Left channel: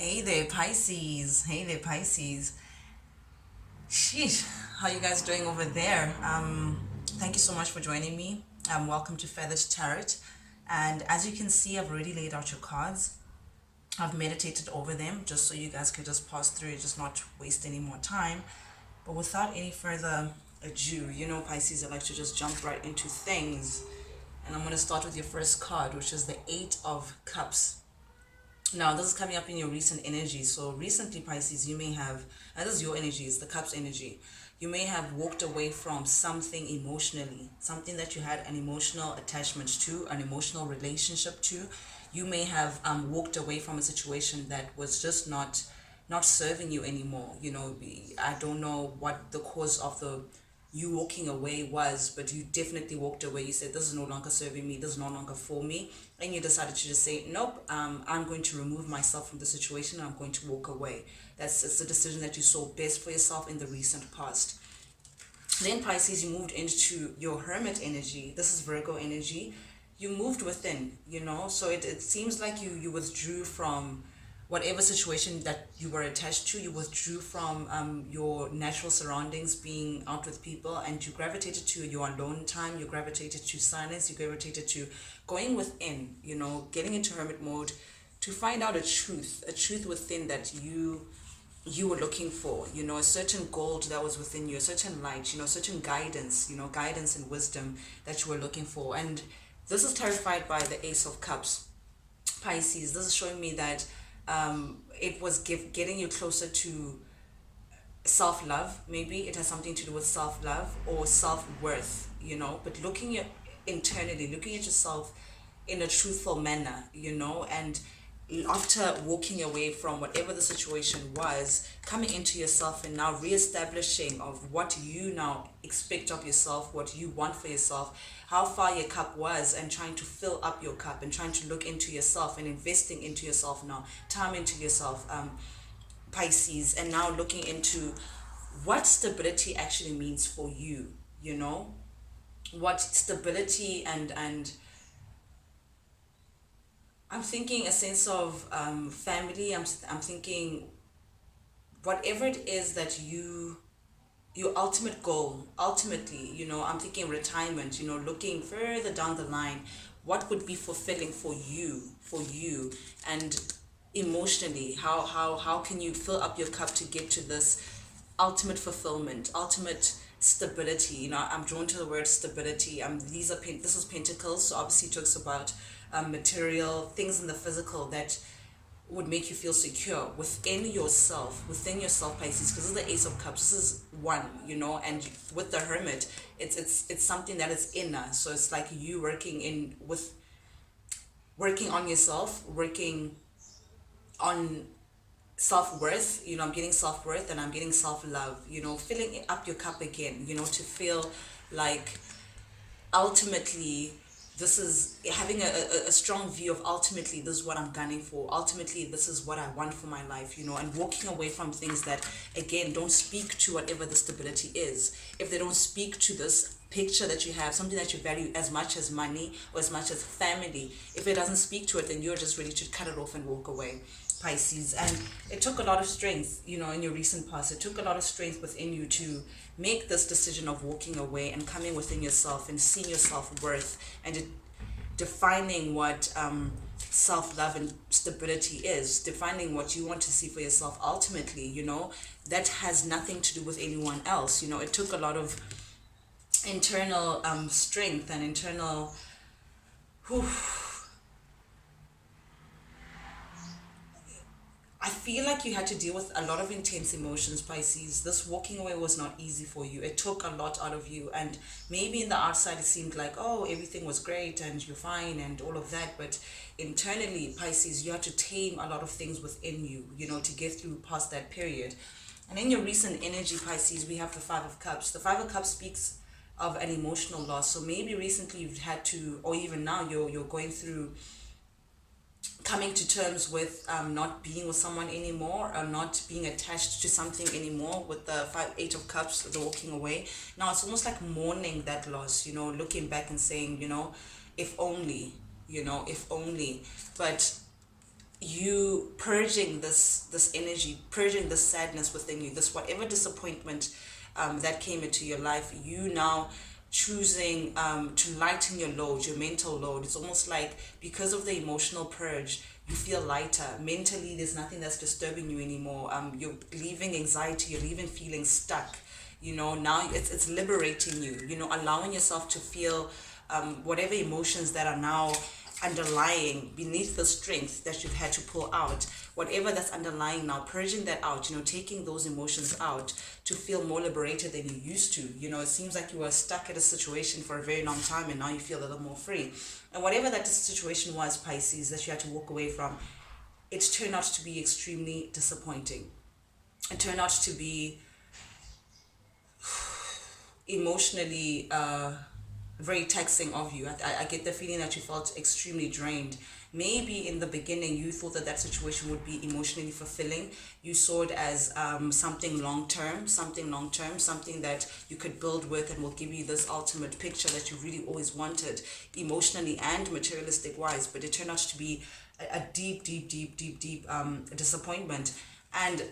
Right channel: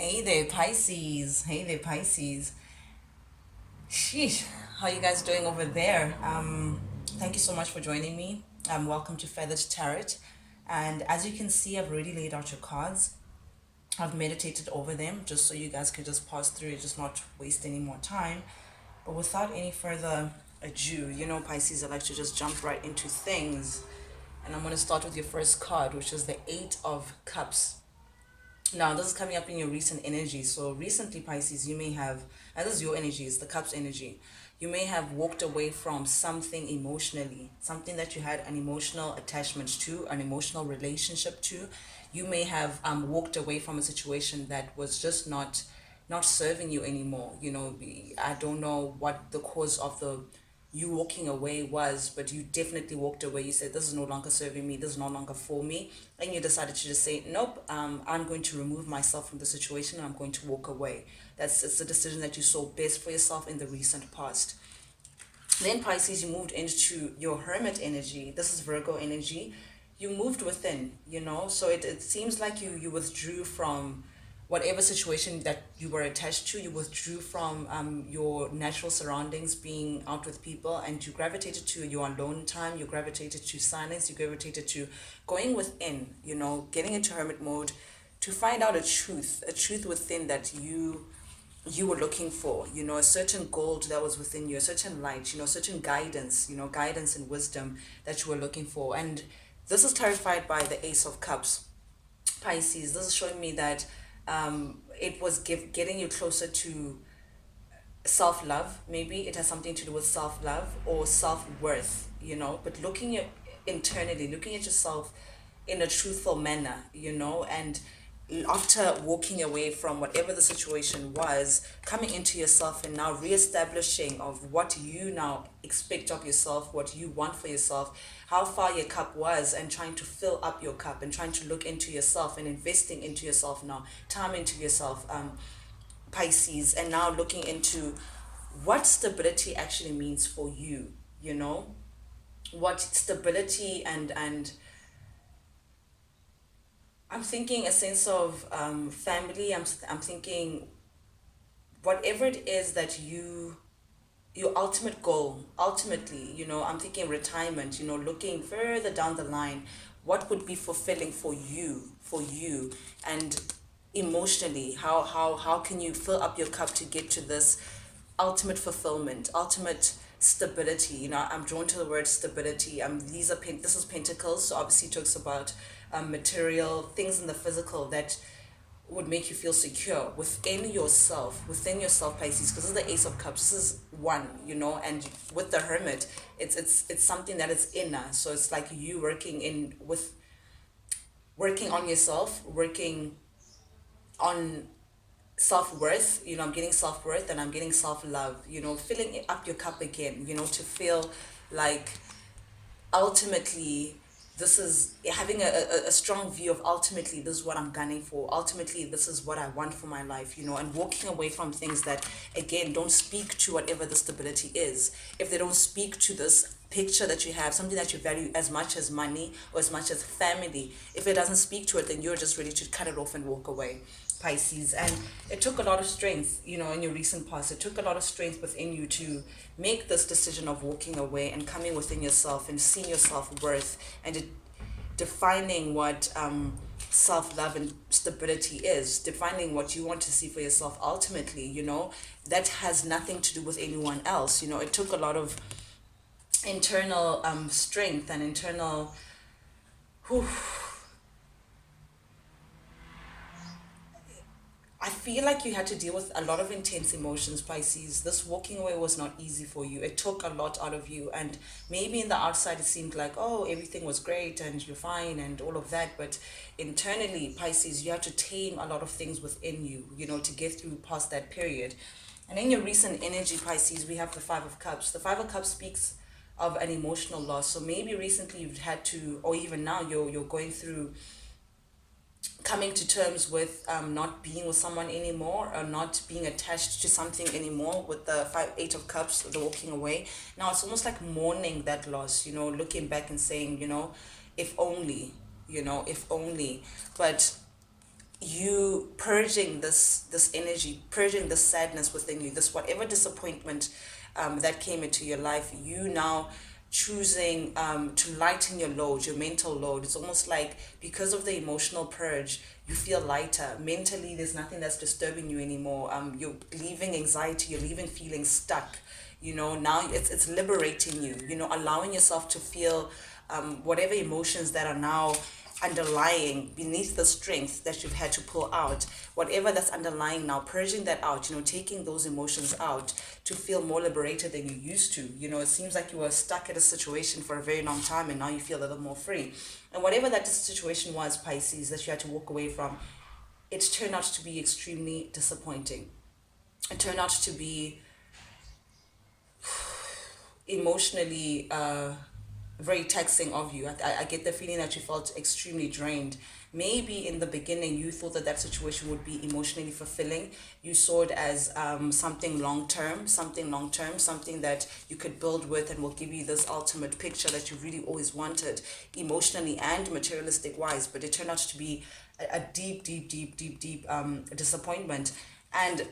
Hey there, Pisces. Hey there, Pisces. Sheesh, how you guys doing over there? Thank you so much for joining me. Welcome to Feathered Tarot. And as you can see, I've already laid out your cards. I've meditated over them just so you guys could just pass through it, just not waste any more time. But without any further ado, Pisces, I like to just jump right into things. And I'm going to start with your first card, which is the Eight of Cups. Now, this is coming up in your recent energy. So, recently, Pisces, you may have, and this is your energy, it's the Cups energy. You may have walked away from something emotionally, something that you had an emotional attachment to, an emotional relationship to. You may have walked away from a situation that was just not serving you anymore. I don't know what the cause of the you walking away was, but you definitely walked away. You said, this is no longer serving me, this is no longer for me. And you decided to just say, nope, I'm going to remove myself from the situation and I'm going to walk away. It's a decision that you saw best for yourself in the recent past. Then Pisces, you moved into your Hermit energy. This is Virgo energy. You moved within, so it seems like you withdrew from whatever situation that you were attached to. You withdrew from your natural surroundings, being out with people, and you gravitated to your alone time. You gravitated to silence. You gravitated to going within, getting into hermit mode to find out a truth within that you were looking for, a certain gold that was within you, a certain light, certain guidance, guidance and wisdom that you were looking for. And this is clarified by the Ace of Cups. Pisces, this is showing me that it was getting you closer to self-love. Maybe it has something to do with self-love or self-worth, but internally, looking at yourself in a truthful manner, and after walking away from whatever the situation was, coming into yourself and now reestablishing of what you now expect of yourself, what you want for yourself, how far your cup was, and trying to fill up your cup and trying to look into yourself and investing into yourself now, time into yourself, Pisces, and now looking into what stability actually means for you, what stability and I'm thinking a sense of family. I'm thinking whatever it is that your ultimate goal, ultimately, I'm thinking retirement, looking further down the line, what would be fulfilling for you, and emotionally, how can you fill up your cup to get to this ultimate fulfillment, ultimate stability. I'm drawn to the word stability. This is Pentacles, so obviously it talks about material things in the physical that would make you feel secure within yourself, Pisces, because this is the Ace of Cups. This is one, and with the Hermit, it's something that is inner. So it's like you working on yourself, working on self-worth. I'm getting self-worth and I'm getting self-love, filling up your cup again, to feel like ultimately this is having a strong view of ultimately this is what I'm gunning for, ultimately this is what I want for my life, and walking away from things that again don't speak to whatever the stability is. If they don't speak to this picture that you have, something that you value as much as money or as much as family, if it doesn't speak to it, then you're just ready to cut it off and walk away, Pisces. And it took a lot of strength, in your recent past. It took a lot of strength within you to make this decision of walking away and coming within yourself and seeing your self-worth and defining what self-love and stability is, defining what you want to see for yourself ultimately, that has nothing to do with anyone else. It took a lot of internal strength and internal whew, I feel like you had to deal with a lot of intense emotions, Pisces. This walking away was not easy for you. It took a lot out of you. And maybe in the outside, it seemed like, oh, everything was great and you're fine and all of that. But internally, Pisces, you had to tame a lot of things within you, to get through past that period. And in your recent energy, Pisces, we have the Five of Cups. The Five of Cups speaks of an emotional loss. So maybe recently you've had to, or even now you're going through coming to terms with not being with someone anymore, or not being attached to something anymore, with the Eight of Cups, the walking away. Now it's almost like mourning that loss, looking back and saying, if only, if only. But you purging this energy, purging this sadness within you, this whatever disappointment that came into your life, you now choosing to lighten your load, your mental load. It's almost like because of the emotional purge, you feel lighter mentally. There's nothing that's disturbing you anymore. You're leaving anxiety, you're leaving feeling stuck. Now it's liberating you, allowing yourself to feel whatever emotions that are now underlying beneath the strength that you've had to pull out, whatever that's underlying now, purging that out, taking those emotions out to feel more liberated than you used to. It seems like you were stuck at a situation for a very long time and now you feel a little more free. And whatever that situation was, Pisces, that you had to walk away from, it turned out to be extremely disappointing. It turned out to be emotionally very taxing of you. I get the feeling that you felt extremely drained. Maybe in the beginning you thought that situation would be emotionally fulfilling. You saw it as something long term, something that you could build with and will give you this ultimate picture that you really always wanted, emotionally and materialistic wise. But it turned out to be a deep disappointment. And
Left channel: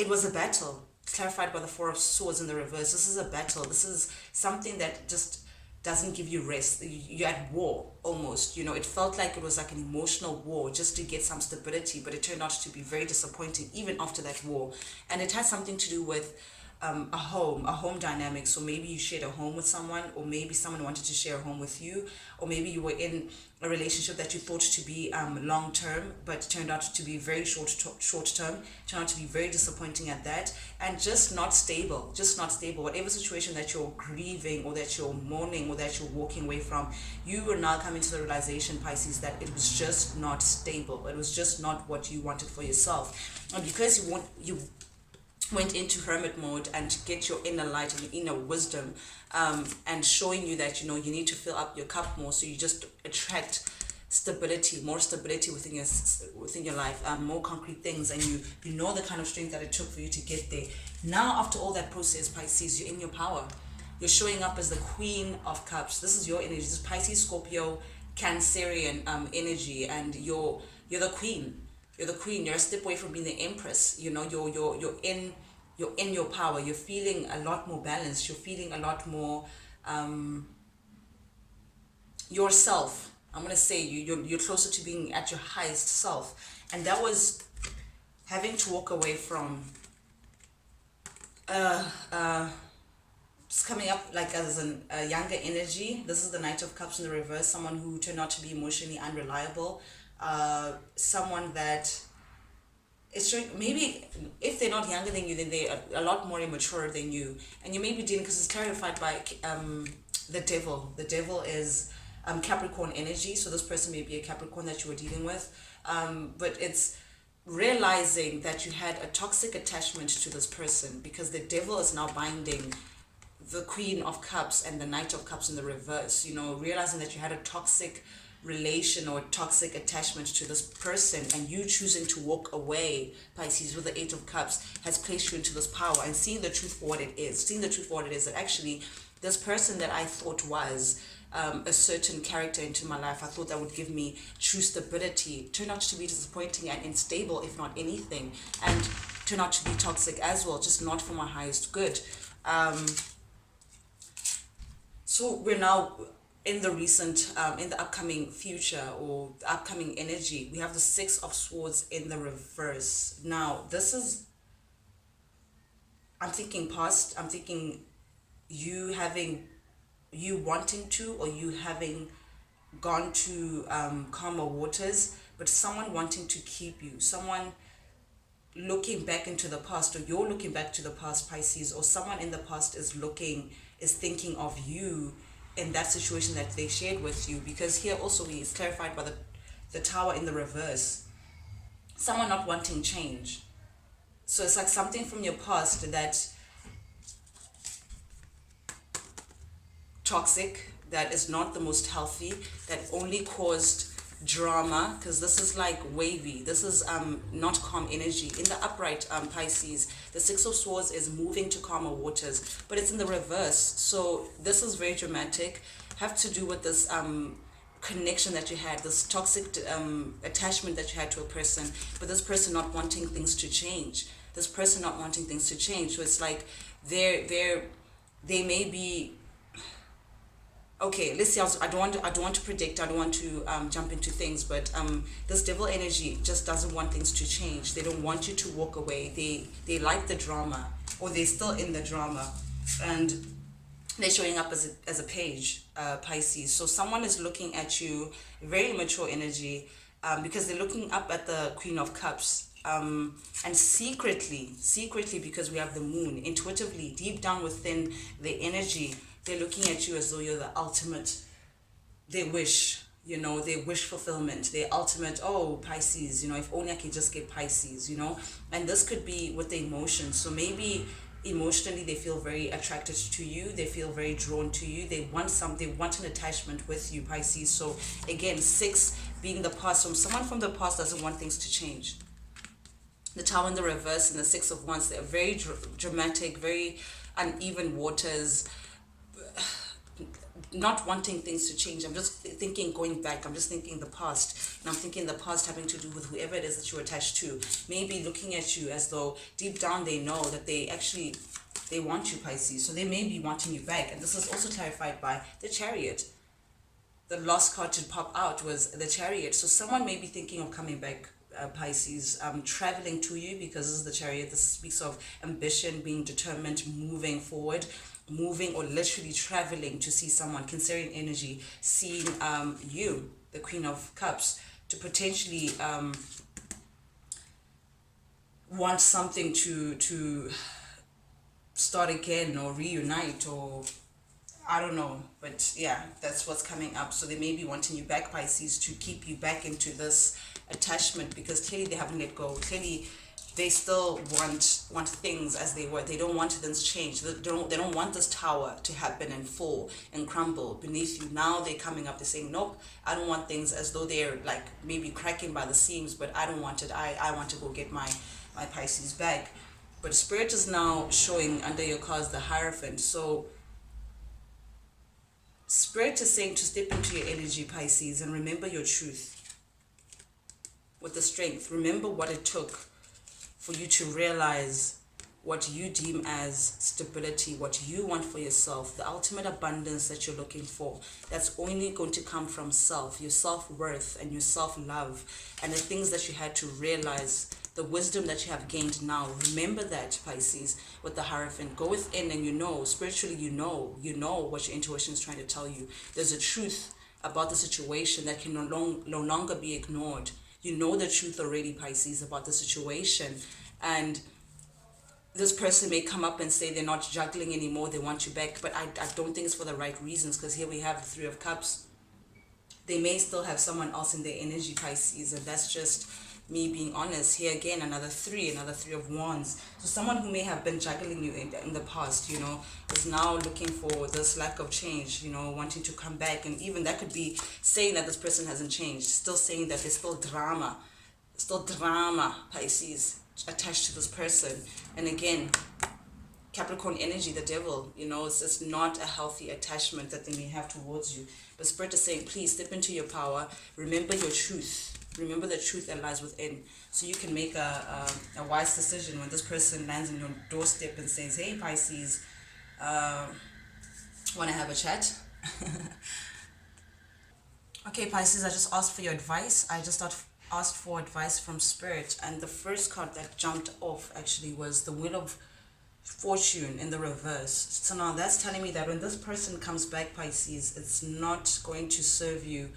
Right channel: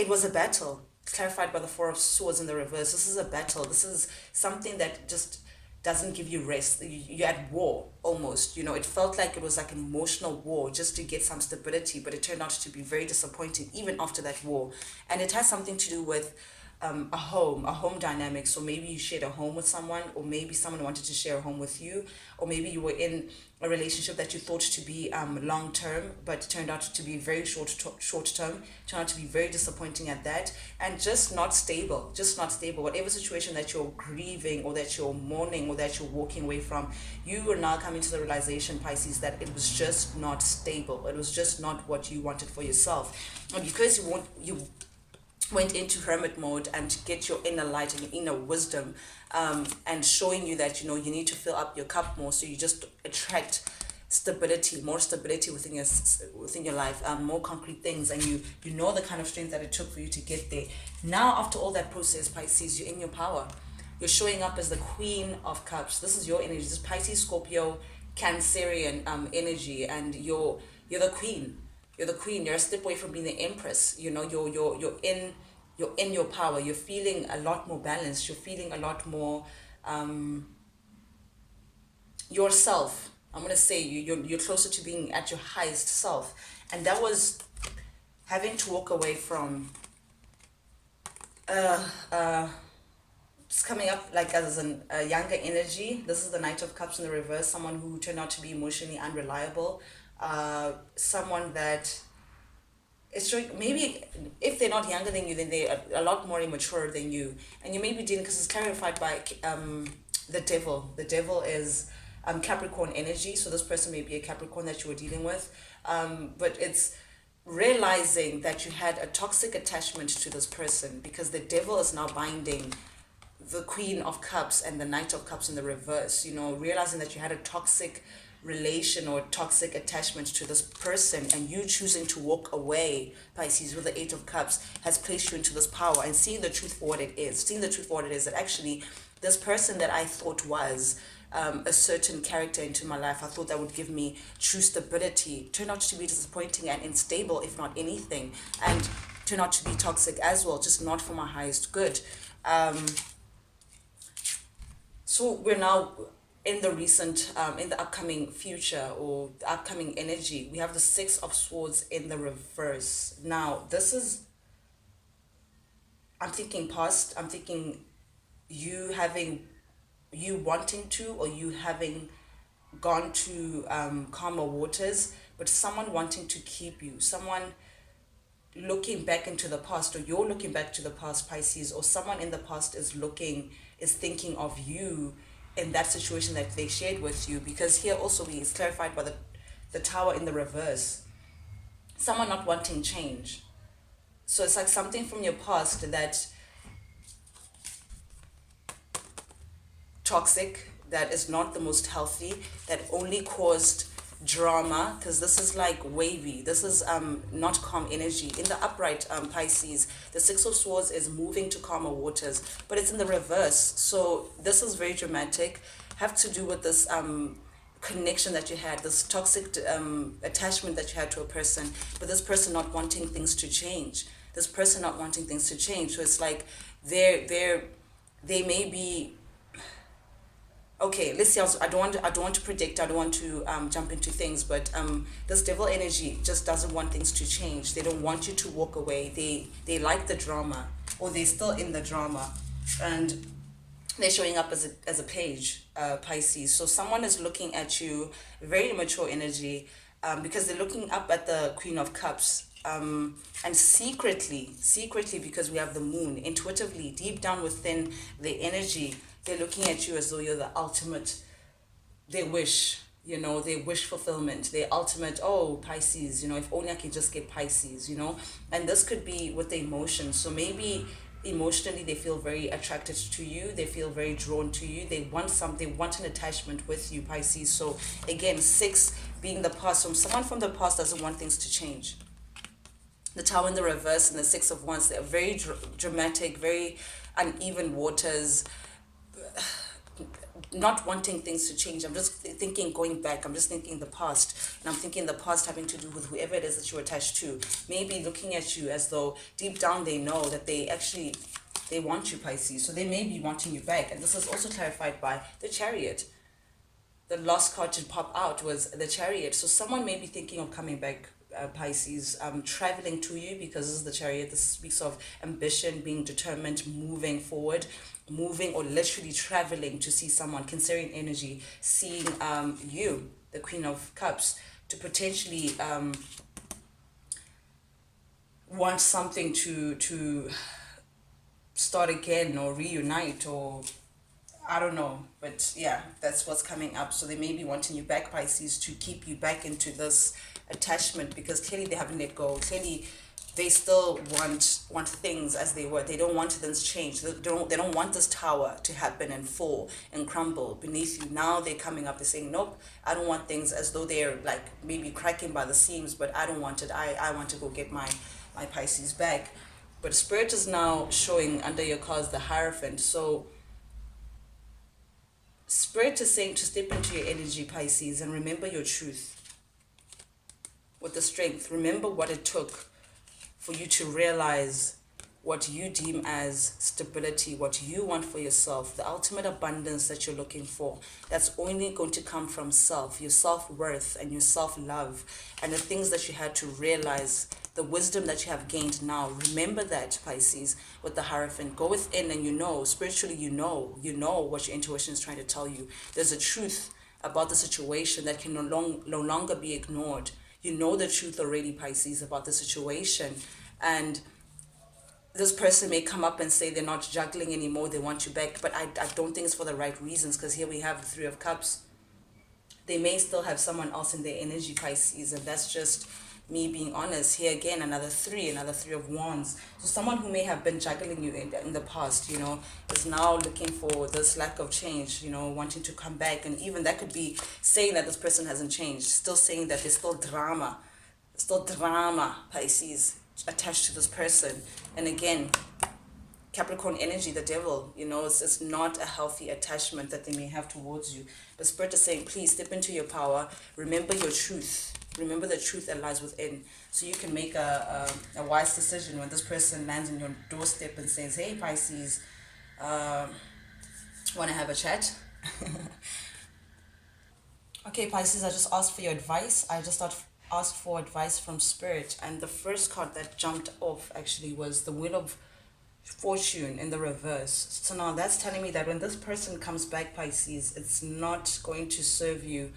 it was a battle, clarified by the Four of Swords in the reverse. This is a battle. This is something that just doesn't give you rest. You're at war almost. It felt like it was like an emotional war just to get some stability, but it turned out to be very disappointing even after that war. And it has something to do with a home dynamic. So maybe you shared a home with someone, or maybe someone wanted to share a home with you, or maybe you were in a relationship that you thought to be long term, but turned out to be very short term, turned out to be very disappointing at that, and just not stable. Whatever situation that you're grieving or that you're mourning or that you're walking away from, you will now come into the realization, Pisces, that it was just not stable. It was just not what you wanted for yourself. And because you went into hermit mode and to get your inner light and your inner wisdom, and showing you that you need to fill up your cup more, so you just attract more stability within your life, more concrete things, and you know the kind of strength that it took for you to get there. Now after all that process, Pisces, you're in your power. You're showing up as the Queen of Cups. This is your energy. This is Pisces, Scorpio, Cancerian energy, and you're the queen. You're the queen. You're a step away from being the empress. You're in your power. You're feeling a lot more balanced. You're feeling a lot more yourself. I'm gonna say you're closer to being at your highest self, and that was having to walk away from it's coming up like as a younger energy. This is the Knight of Cups in the reverse. Someone who turned out to be emotionally unreliable. Someone that is showing, maybe if they're not younger than you, then they're a lot more immature than you. And you maybe didn't, because it's clarified by the devil. The devil is Capricorn energy. So this person may be a Capricorn that you were dealing with. But it's realizing that you had a toxic attachment to this person, because the devil is now binding the Queen of Cups and the Knight of Cups in the reverse. Realizing that you had a toxic relation or toxic attachment to this person, and you choosing to walk away, Pisces, with the Eight of Cups, has placed you into this power, and seeing the truth for what it is. That actually this person that I thought was a certain character into my life, I thought that would give me true stability, turned out to be disappointing and unstable, if not anything, and turned out to be toxic as well, just not for my highest good. So we're now in the in the upcoming future, or the upcoming energy. We have the Six of Swords in the reverse. Now, this is, I'm thinking past, I'm thinking you wanting to, or you having gone to calmer waters, but someone wanting to keep you, someone looking back into the past, or you're looking back to the past, Pisces, or someone in the past is thinking of you in that situation that they shared with you. Because here also is clarified by the Tower in the reverse. Someone not wanting change. So it's like something from your past that toxic, that is not the most healthy, that only caused drama, because this is like wavy, this is not calm energy. In the upright, Pisces, the Six of Swords is moving to calmer waters, but it's in the reverse, so this is very dramatic. Have to do with this connection that you had, this toxic attachment that you had to a person, but this person not wanting things to change. This person not wanting things to change. So it's like they're they may be okay. Let's see. I don't want to predict. I don't want to jump into things, but this devil energy just doesn't want things to change. They don't want you to walk away. They like the drama, or they're still in the drama, and they're showing up as a page, Pisces. So someone is looking at you, very immature energy, because they're looking up at the Queen of Cups. And secretly, because we have the moon, intuitively, deep down within the energy, they're looking at you as though you're the ultimate, they wish, their wish fulfillment, their ultimate, oh, Pisces, if only I could just get Pisces, and this could be with the emotions. So maybe emotionally they feel very attracted to you, they feel very drawn to you, they want an attachment with you, Pisces. So again, 6 being the past, so someone from the past doesn't want things to change. The Tower in the reverse and the 6 of Wands, they're very dramatic, very uneven waters, not wanting things to change. I'm just thinking going back, I'm just thinking the past, and I'm thinking the past having to do with whoever it is that you're attached to, maybe looking at you as though deep down they know that they want you, Pisces. So they may be wanting you back, and this is also clarified by the Chariot. The last card to pop out was the Chariot. So someone may be thinking of coming back, Pisces, traveling to you, because this is the Chariot. This speaks of ambition, being determined, moving forward, moving or literally traveling to see someone, considering energy, seeing you, the Queen of Cups, to potentially want something to start again or reunite, or I don't know, but yeah, that's what's coming up. So they may be wanting you back, Pisces, to keep you back into this attachment, because clearly they haven't let go. Clearly they still want things as they were. They don't want things changed. They don't want this tower to happen and fall and crumble beneath you. Now they're coming up, they're saying, nope, I don't want things, as though they're like maybe cracking by the seams, but I don't want it. I want to go get my Pisces back. But Spirit is now showing under your cards the Hierophant. So Spirit is saying to step into your energy, Pisces, and remember your truth with the strength. Remember what it took for you to realize what you deem as stability, what you want for yourself, the ultimate abundance that you're looking for. That's only going to come from self, your self-worth and your self-love, and the things that you had to realize, the wisdom that you have gained now. Remember that, Pisces, with the Hierophant. Go within and spiritually you know what your intuition is trying to tell you. There's a truth about the situation that can no longer be ignored. You know the truth already, Pisces, about the situation. And this person may come up and say they're not juggling anymore, they want you back, but I don't think it's for the right reasons, because here we have the 3 of Cups. They may still have someone else in their energy, Pisces, and that's just me being honest. Here again, another 3 of Wands. So someone who may have been juggling you in the past, is now looking for this lack of change, wanting to come back. And even that could be saying that this person hasn't changed, still saying that there's still drama, Pisces, attached to this person. And again, Capricorn energy, the devil, it's not a healthy attachment that they may have towards you. But Spirit is saying, please step into your power. Remember your truth. Remember the truth that lies within, so you can make a wise decision when this person lands on your doorstep and says, hey, Pisces, want to have a chat? Okay, Pisces, I just asked for your advice. I just asked for advice from Spirit, and the first card that jumped off actually was the Wheel of Fortune in the reverse. So now that's telling me that when this person comes back, Pisces, it's not going to serve you,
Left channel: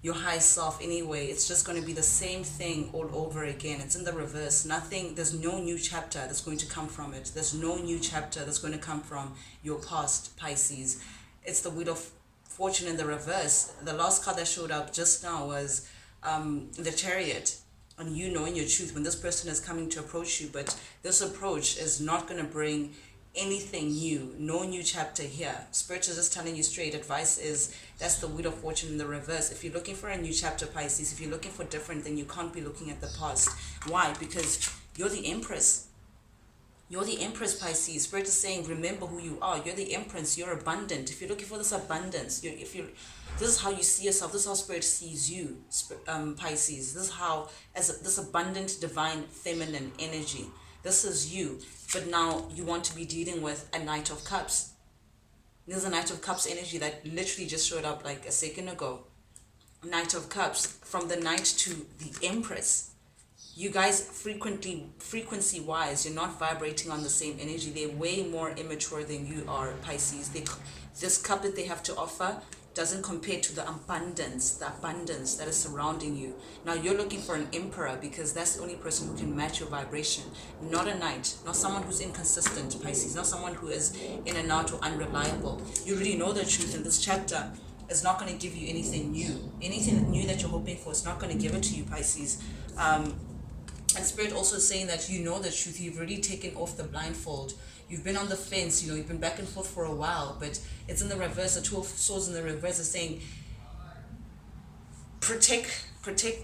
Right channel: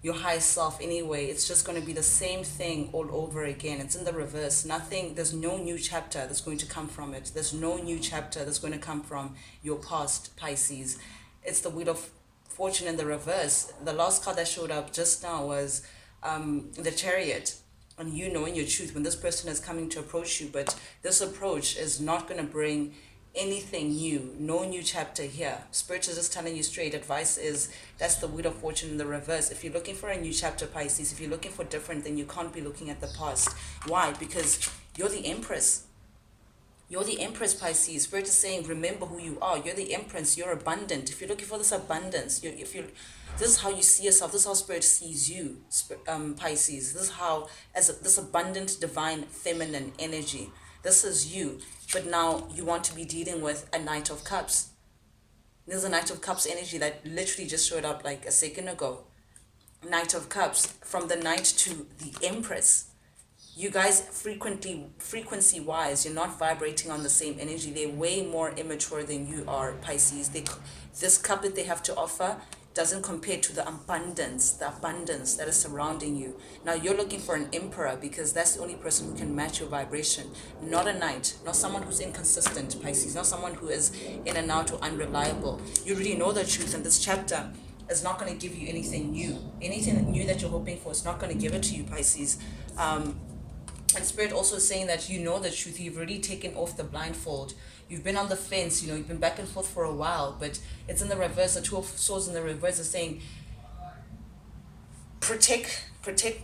your higher self anyway. It's just going to be the same thing all over again. It's in the reverse. There's no new chapter that's going to come from it. There's no new chapter that's going to come from your past, Pisces. It's the Wheel of Fortune in the reverse. The last card that showed up just now was the Chariot. And you knowing your truth when this person is coming to approach you, but this approach is not going to bring anything new, no new chapter here. Spirit is just telling you straight. Advice is, that's the Wheel of Fortune in the reverse. If you're looking for a new chapter, Pisces, if you're looking for different, then you can't be looking at the past. Why? Because you're the Empress. You're the Empress, Pisces. Spirit is saying, remember who you are. You're the Empress. You're abundant. If you're looking for this abundance, This is how you see yourself. This is how Spirit sees you, Pisces. This is how, as this abundant, divine, feminine energy. This is you. But now you want to be dealing with a Knight of Cups. There's a Knight of Cups energy that literally just showed up like a second ago. Knight of Cups, from the Knight to the Empress. You guys frequency wise, you're not vibrating on the same energy. They're way more immature than you are, Pisces. This cup that they have to offer doesn't compare to the abundance that is surrounding you. Now you're looking for an emperor because that's the only person who can match your vibration, not a knight, not someone who's inconsistent, Pisces, not someone who is in and out or unreliable. You really know the truth, and this chapter is not going to give you anything new. Anything new that you're hoping for, it's not going to give it to you, Pisces. And Spirit also is saying that you know the truth. You've already taken off the blindfold. You've been on the fence, you've been back and forth for a while, but it's in the reverse. The Two of Swords in the reverse is saying, protect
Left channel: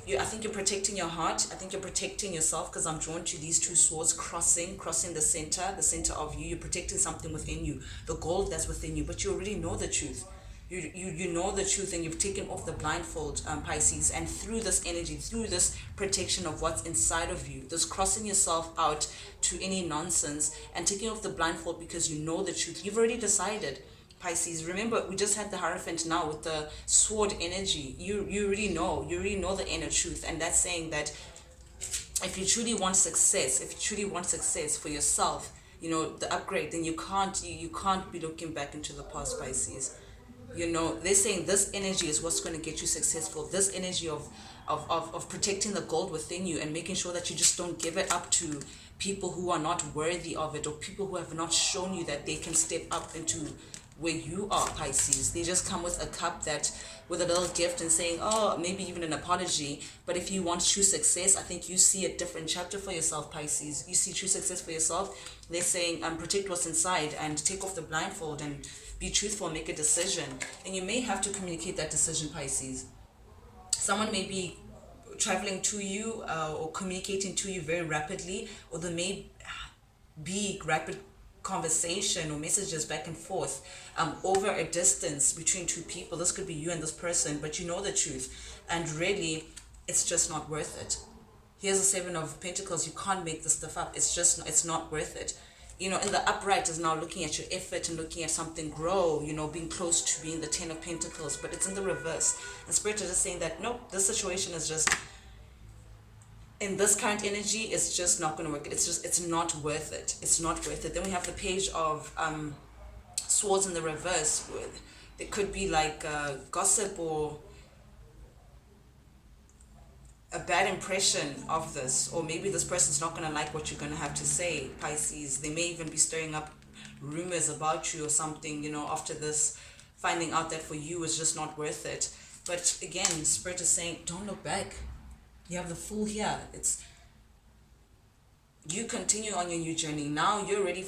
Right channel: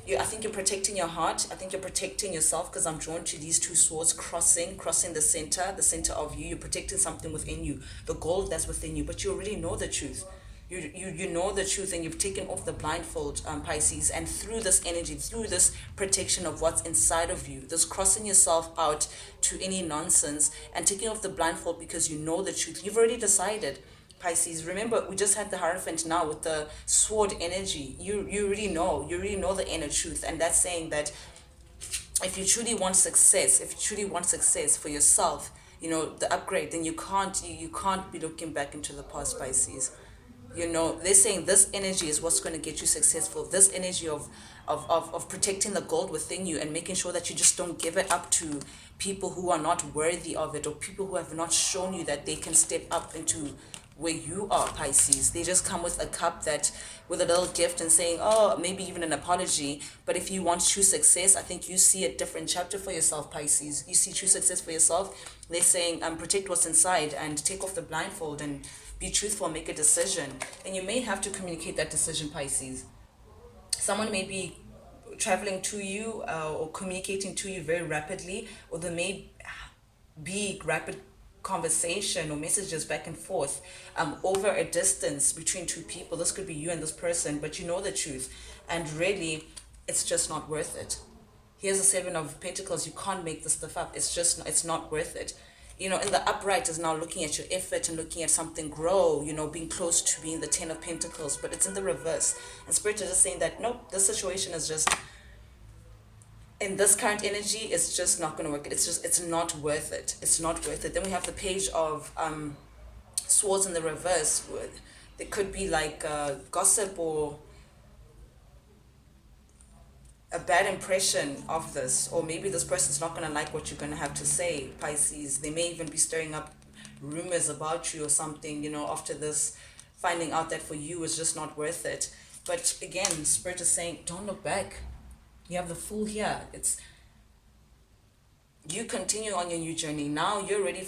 you. I think you're protecting your heart. I think you're protecting yourself, because I'm drawn to these two swords crossing the center of you. You're protecting something within you, the gold that's within you, but you already know the truth. You know the truth, and you've taken off the blindfold, Pisces, and through this energy, through this protection of what's inside of you, this crossing yourself out to any nonsense and taking off the blindfold because you know the truth. You've already decided, Pisces. Remember, we just had the Hierophant now with the sword energy. You already know the inner truth, and that's saying that if you truly want success, for yourself, the upgrade, then you can't be looking back into the past, Pisces. They're saying this energy is what's going to get you successful. This energy of protecting the gold within you and making sure that you just don't give it up to people who are not worthy of it, or people who have not shown you that they can step up into where you are, Pisces. They just come with a cup with a little gift and saying, oh, maybe even an apology. But if you want true success, I think you see a different chapter for yourself, Pisces. You see true success for yourself. They're saying, protect what's inside and take off the blindfold and be truthful, make a decision. And you may have to communicate that decision, Pisces. Someone may be traveling to you or communicating to you very rapidly, or there may be rapid conversation or messages back and forth over a distance between two people. This could be you and this person, but you know the truth, and really it's just not worth it. Here's the Seven of Pentacles. You can't make this stuff up. It's not worth it. In the upright is now looking at your effort and looking at something grow, being close to being the Ten of Pentacles, but it's in the reverse. And Spirit is just saying that, nope, this situation is just, in this current energy, it's just not going to work. It's not worth it. It's not worth it. Then we have the Page of Swords in the reverse. There could be like gossip or a bad impression of this, or maybe this person's not going to like what you're going to have to say, Pisces. They may even be stirring up rumors about you or something, after this, finding out that for you is just not worth it. But again, Spirit is saying, don't look back. You have the Fool here. You continue on your new journey. Now you're ready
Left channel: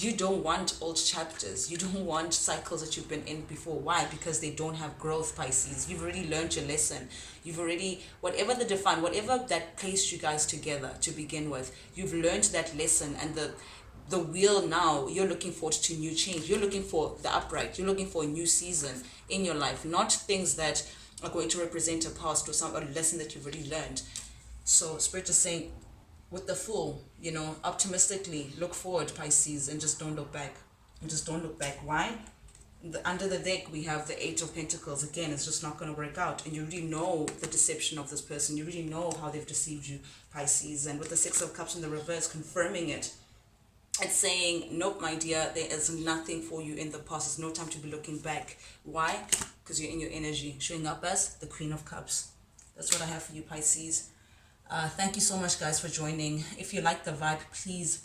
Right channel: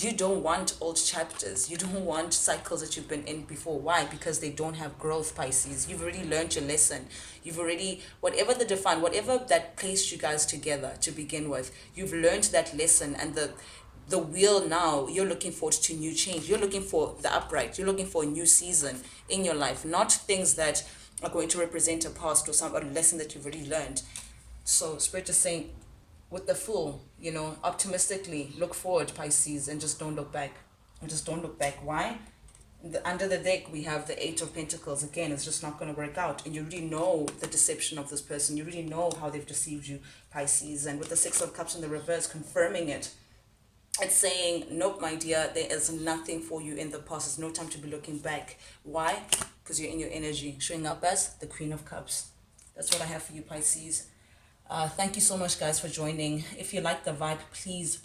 you don't want old chapters. You don't want cycles that you've been in before. Why? Because they don't have growth, Pisces. You've already learned your lesson. You've already, whatever that placed you guys together to begin with, you've learned that lesson, and the wheel now, you're looking forward to new change. You're looking for the upright. You're looking for a new season in your life, not things that are going to represent a past or a lesson that you've already learned. So Spirit is saying, with the Fool, optimistically look forward, Pisces, and just don't look back. Why? Under the deck, we have the Eight of Pentacles. Again, it's just not going to work out. And you already know the deception of this person. You already know how they've deceived you, Pisces. And with the Six of Cups in the reverse, confirming it. It's saying, nope, my dear, there is nothing for you in the past. There's no time to be looking back. Why? Because you're in your energy. Showing up as the Queen of Cups. That's what I have for you, Pisces. Thank you so much, guys, for joining. If you like the vibe, please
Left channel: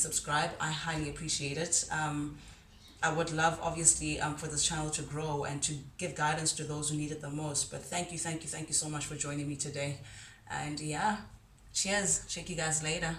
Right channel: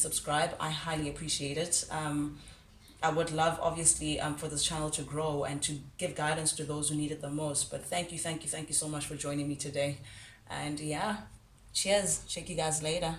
subscribe. I highly appreciate it. I would love, obviously, for this channel to grow and to give guidance to those who need it the most. But thank you so much for joining me today. And yeah, cheers. Check you guys later.